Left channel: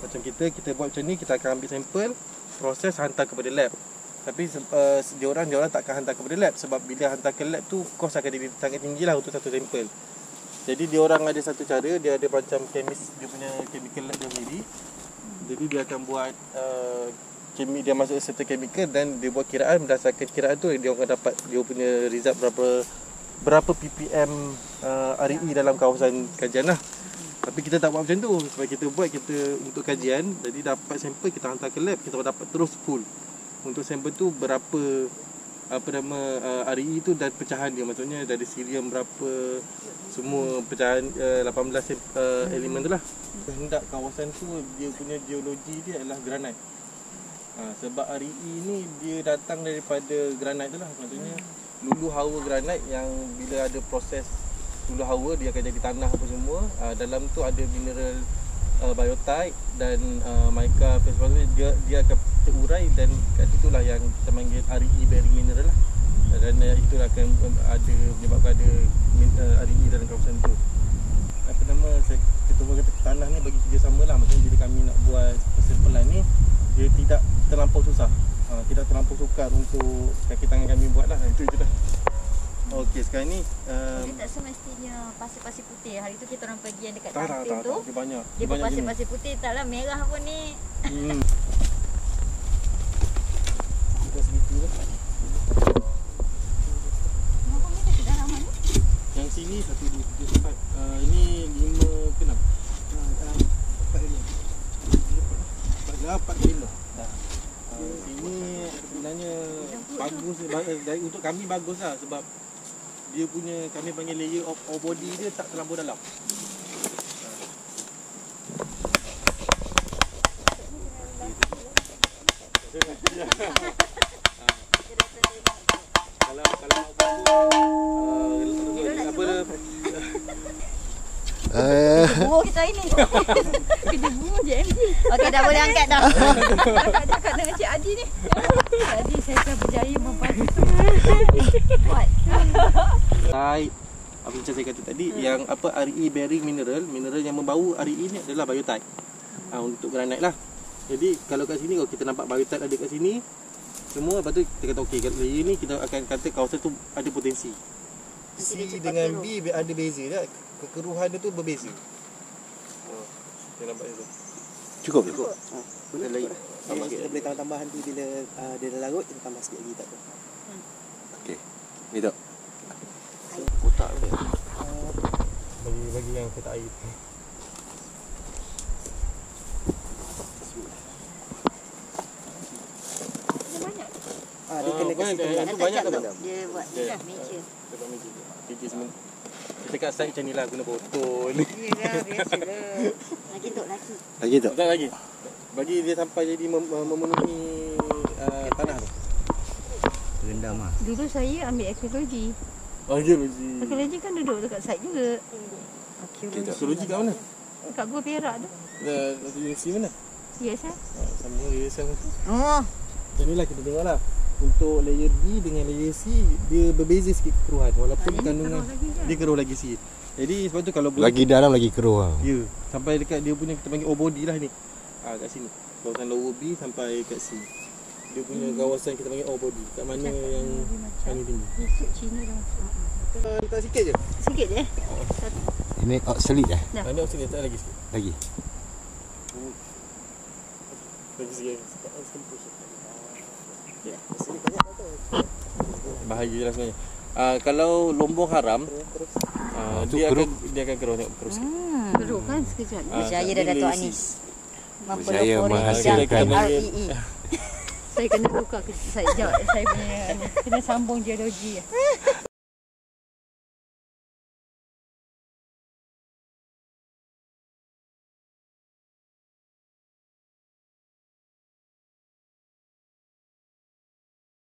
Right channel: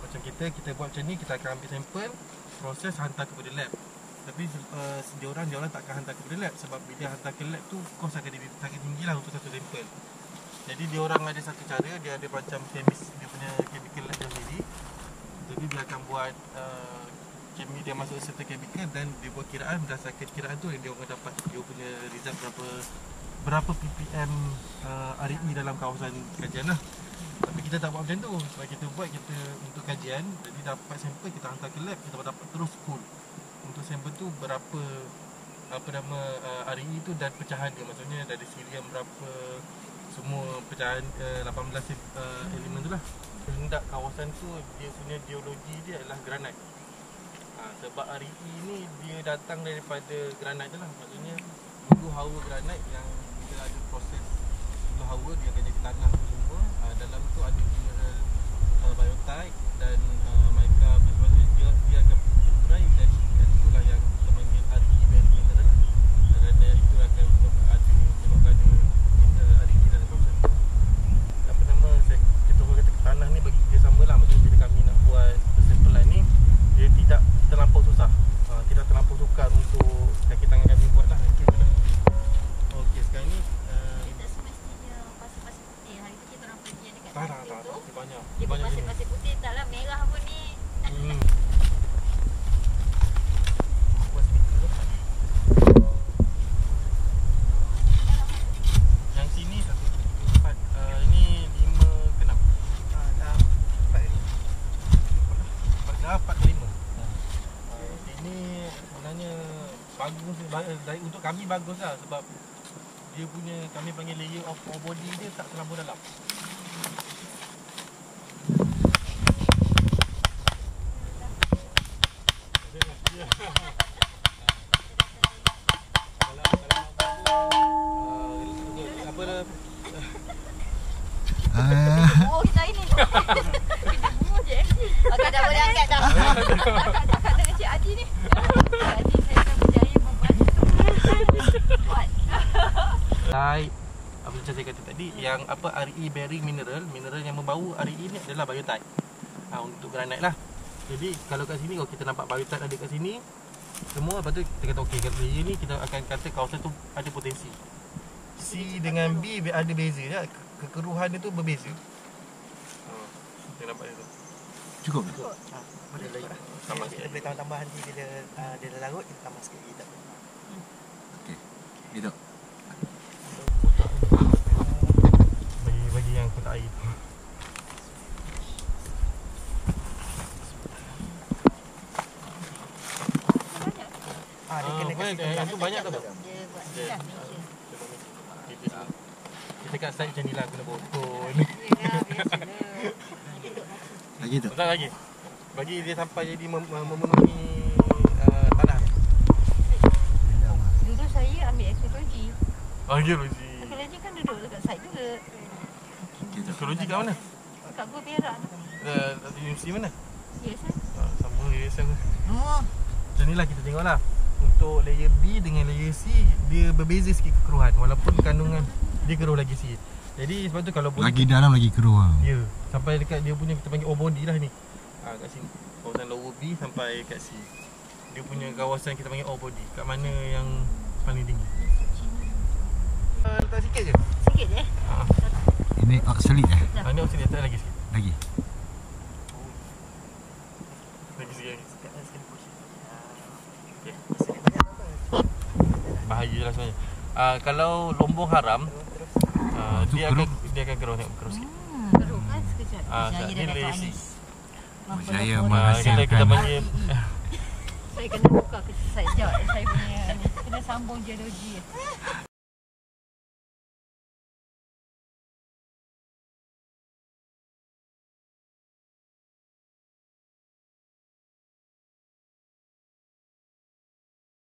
Macam kita buat macam ni, kita akan ambil sampel, proses, hantar kepada lab. Tapi dia orang tak akan hantar kepada lab, sebab bila hantar ke lab tu kos akan sangat tinggi lah untuk satu sampel. Jadi dia orang ada satu cara, dia ada macam dia punya chemical lab dia sendiri. Jadi dia akan buat dia masuk serta chemical dan dia buat kiraan. Berdasarkan kiraan tu dia akan dapat dia punya result berapa ppm RE dalam kawasan kajian lah. Tapi kita tak buat macam tu, sebab kita buat untuk kajian. Jadi dapat sampel kita hantar ke lab, kita dapat terus full. Untuk sampel tu berapa RE tu dan pecahan dia, maksudnya dari sirium berapa, semua pecahan 18 elemen tu lah. Kehendak kawasan tu dia punya geologi dia adalah granit. Sebab RE ni dia datang daripada granit tu lah, maksudnya lulu hawa granit yang bila ada proses lulu hawa dia akan jadi tanah apa semua. Dalam tu ada mineral biotite dan mica apa sebagainya, dia akan terurai dan kat situlah yang kita panggil RE bearing mineral lah. Dan itulah akan ada menyebabkan ada RE dalam kawasan tu. Kita kata tanah ni bagi kerjasama lah, maksudnya bila kami nak buat persimpulan ni dia tidak terlampau susah, tidak terlampau sukar untuk kaki tangan kami buat lah. Itu je lah. Okey, sekarang ni dia tak semestinya pasir-pasir putih. Hari tu kita orang pergi yang dekat kantin tu. Dia banyak. Dia pasir-pasir putih, taklah merah pun ni. Buat segitu tu. Berapa meter kedalaman tu? Yang sini 1, 2, 3, 4. Ini 5 ke 6? 4 ke 5. 4 ke 5. Sini sebenarnya bagus, untuk kami bagus lah, sebab dia punya, kami panggil layer of ore body dia tak terlampau dalam. Buah kita ini. Kita buah je MG. Okey, dah boleh angkat dah. Cakap dengan Cik Adi ni. Cik Adi, saya telah berjaya membantu. Buat. Baik. Apa macam saya kata tadi, yang RE bearing mineral yang membau RE ni adalah biotite. Untuk granite lah. Jadi kalau kat sini, kita nampak biotite ada kat sini. Semua, lepas tu kita kata okey, kat layer ni kita akan kata kawasan tu ada potensi. C dengan B ada beza tak? Kekeruhan dia tu berbeza. Saya nampak tu. Cukup. Boleh sama kita boleh tambah nanti bila dia dah larut, kita tambah sikit lagi, tak apa. Okey. Gitu. Kotak dia. Bagi yang kotak air tu. Dia kena kasi tu banyak tak? Dia buat ni lah meja. Dia buat meja. Meja semua. Kita kat side macam ni lah, guna botol. Yalah, biasalah. Lagi duduk lagi. Lagi tu. Tak lagi. Bagi dia sampai jadi memenuhi tanah tu. Rendam ah. Dulu saya ambil arkeologi. Arkeologi. Arkeologi kan duduk dekat site juga. Arkeologi kat mana? Kat Gua Perak tu. Universiti mana? USM. Sama USM. Oh. Macam ni lah kita tengok lah. Untuk layer B dengan layer C, dia berbeza sikit kekeruhan. Walaupun kandungan dia keruh lagi sikit. Jadi sebab tu kalau lagi dalam lagi keruh. Ya, sampai dekat dia punya kita panggil ore body lah ni. Kat sini. Kawasan lower B sampai kat C. Dia punya kawasan kita panggil ore body. Kat mana yang paling tinggi? Cina dah. Letak sikit je. Sikit je. Ini oxalate dah. Ini oxalate, letak lagi sikit. Lagi. Lagi sikit. Sekali push lagi. Okay. Oxalate banyak tak apa. Bahaya lah sebenarnya. Kalau lombong haram, Terus. dia akan keruh, tengok keruh sikit. Keruh kan sekejap. Berjaya dah Dato' Anis. Berjaya Kita menghasilkan panggil Saya kena tukar sekejap. Saya punya ni. Kena sambung geologi.